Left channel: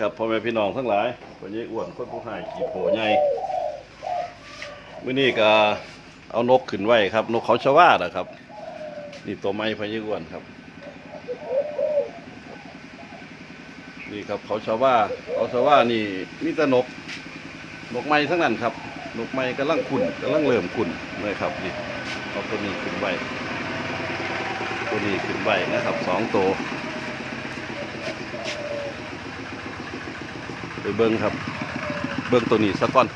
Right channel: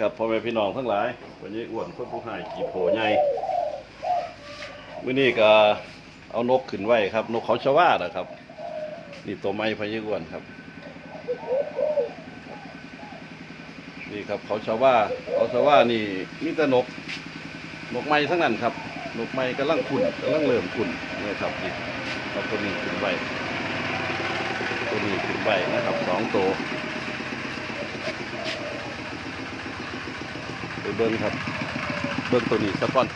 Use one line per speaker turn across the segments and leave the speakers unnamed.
ครับพ่อแม่พี่น้องทั้งหลายวันนี้อ้วนคนผู้หายขี่โผใหญ่มื้อนี้ก็เอานกขึ้นไว้ครับ นกเขาชวานะครับ นี่ตัวไม้พะยี่อ้วนครับ นี่ครับเขาชว่าเขาชว่านี่นี่ต่นก นกไม้ทั้งนั้นครับ นกไม้กำลังขุนกำลังเริ่มขุนนะครับนี่เอาตัวนี้ขึ้นไว้ตัวนี้ขึ้นไว้นะครับสองตัว ไปเบิ้งครับ เบิ้งตัวนี้สักก่อน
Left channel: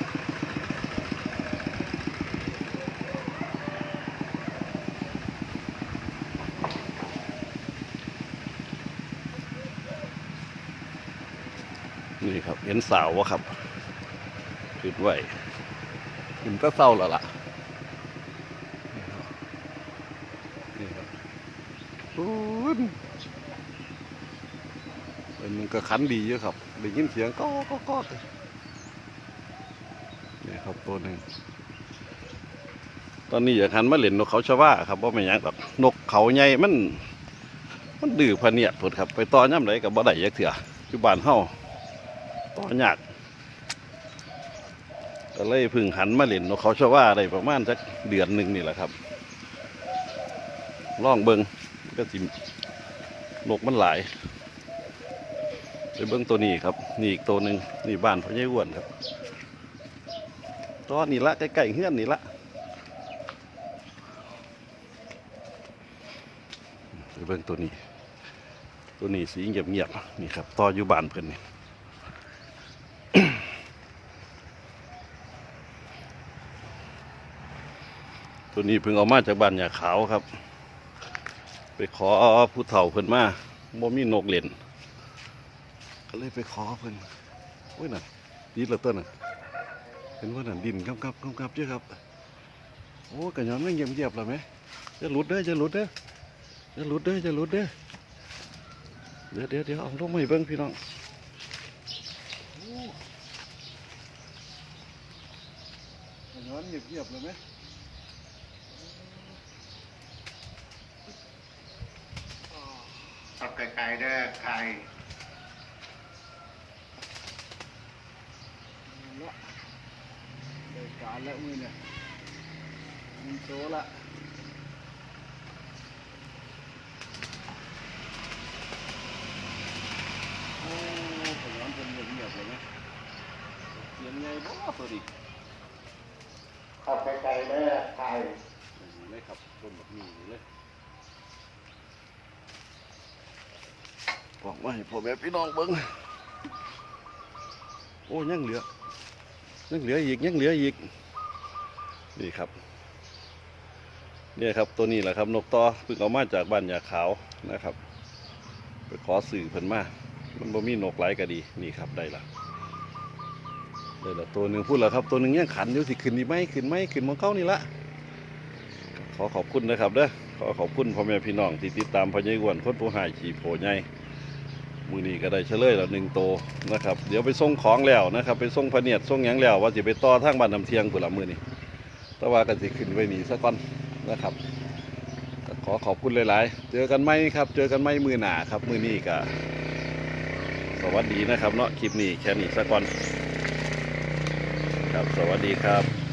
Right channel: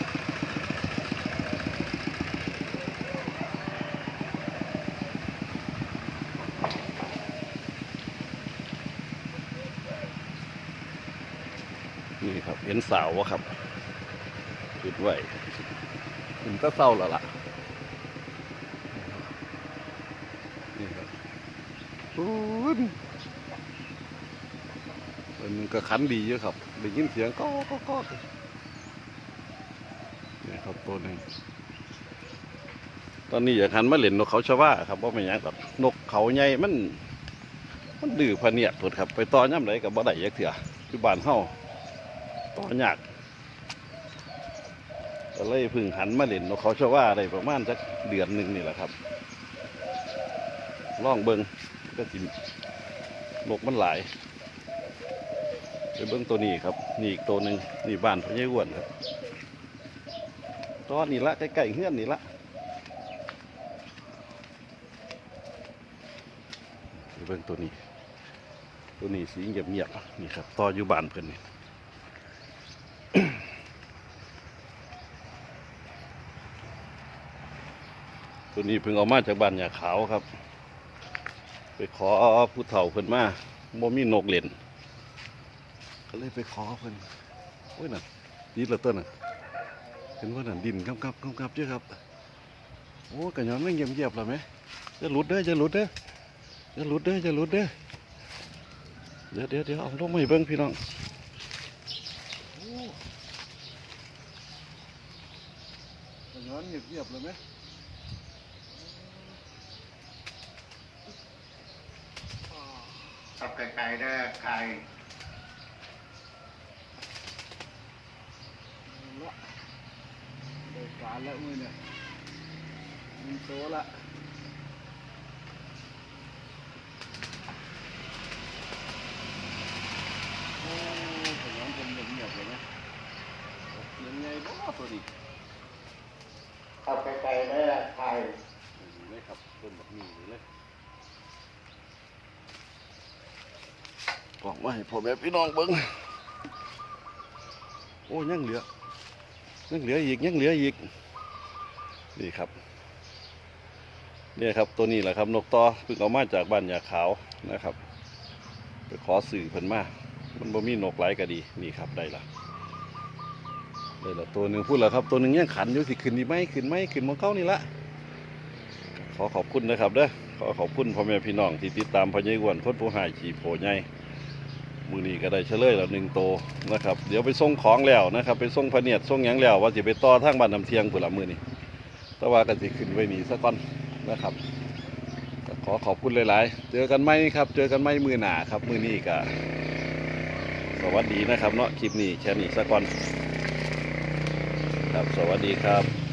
นี่ครับเห็นสาววะครับจุดไว้ผมก็เศร้าแล้วล่ะ นี่ครับปู นมันก็ขันดีเยอะครับได้ยินเสียงก็ก็ก็นี่ครับตัวนึงตอนนี้อยากหันมาเล่นนกเขาชาวาครับว่าไม่นยังกับนกเขาใหญ่มัน มันดื้อพะเนียดพดครับ ไปต่อย่ำไหนกับบ่ได้ยักเถื่อคือบ้านเฮาต่อยากก็เลยพึ่งหันมาเล่นนกเขาชาวาได้ประมาณสักเดือนหนึ่งนี่แหละครับล่องเบิงก็สินกมันหลาย ไปเบิ้งตัวนี้ครับ นี่อีกตัวหนึ่งนี่บ้านพ่อใหญ่อ้วนครับตอนนี้ละใกล้ๆเฮือนนี่ละไปเบิ้งตัวนี้ ตัวนี้สีเงียบๆนี่ครับต่ออยู่บ้านเพิ่นนี่ตัวนี้เพิ่งเอามาจากบ้านยาขาวครับ ไปขอผู้เฒ่าเพิ่นมาบ่มีนกเล่น ก็เลยไปขอเพิ่นโอ้ยน่ะดีเหลือต้นน่ะเห็นว่าน่ะดินกำกับกำกับเยอะครับ โอ้กระยอนไม่เงียบเงียบๆแล้วไหมจะหลุดเด้อจะหลุดเด้อจะหลุดเด้อจะหลุดเด้อเดี๋ยวเดี๋ยวเดี๋ยวเอาลงมาให้เบิ่งพี่น้องโอ้กระยอนเงียบเงียบๆเลยไหม
ขับไกลๆได้ไก ล
เอาละได้การแล้วมือเนี่ยมีโตละโอ้ขยันเป็นเงียบๆเลยไหมเสียงไงบ่ตัวนี้
ขับไกลๆได้ไกล
นี่เลยครับต้นแบบนี้เลยกล่องมาให้พ่อแม่พี่น้องเบิ้งโอ้ยังเหลือ ยังเหลืออีกยังเหลืออีกนี่ครับเนี่ยครับตัวนี้แหละครับ นกต่อเพิ่งเอามาจากบ้านยาขาวนะครับ ไปขอสื่อเพิ่นมา มันบ่มีนกหลายก็ดีนี่ครับได้ละได้ละตัวหนึ่งพูดแล้วครับตัวหนึ่งยังขันอยู่สิขึ้นดีไหมขึ้นไหมขึ้นมองเก้านี่ละขอขอบคุณนะครับเด้อขอขอบคุณพ่อแม่พี่น้องที่ติดตามพญอ้วนคนผู้หายขี่โผใหญ่ มือนี้ก็ได้เฉลยแล้วหนึ่งโตนะครับ เดี๋ยวไปส่งของแล้วนะครับ ไปส่งพเนียดส่งหยังแล้ว ว่าจะไปต่อทางบ้านน้ำเทียงผื่นละมือนี้แต่ว่าก็สิขึ้นไว้นี่สักก่อนนะครับขอขอบคุณหลาย ๆ เจอกันไหมครับ เจอกันไหมมือหนาครับมือนี้ก็สวัสดีนะครับเนาะคลิปนี้แค่นี้สักก่อนครับสวัสดีครับ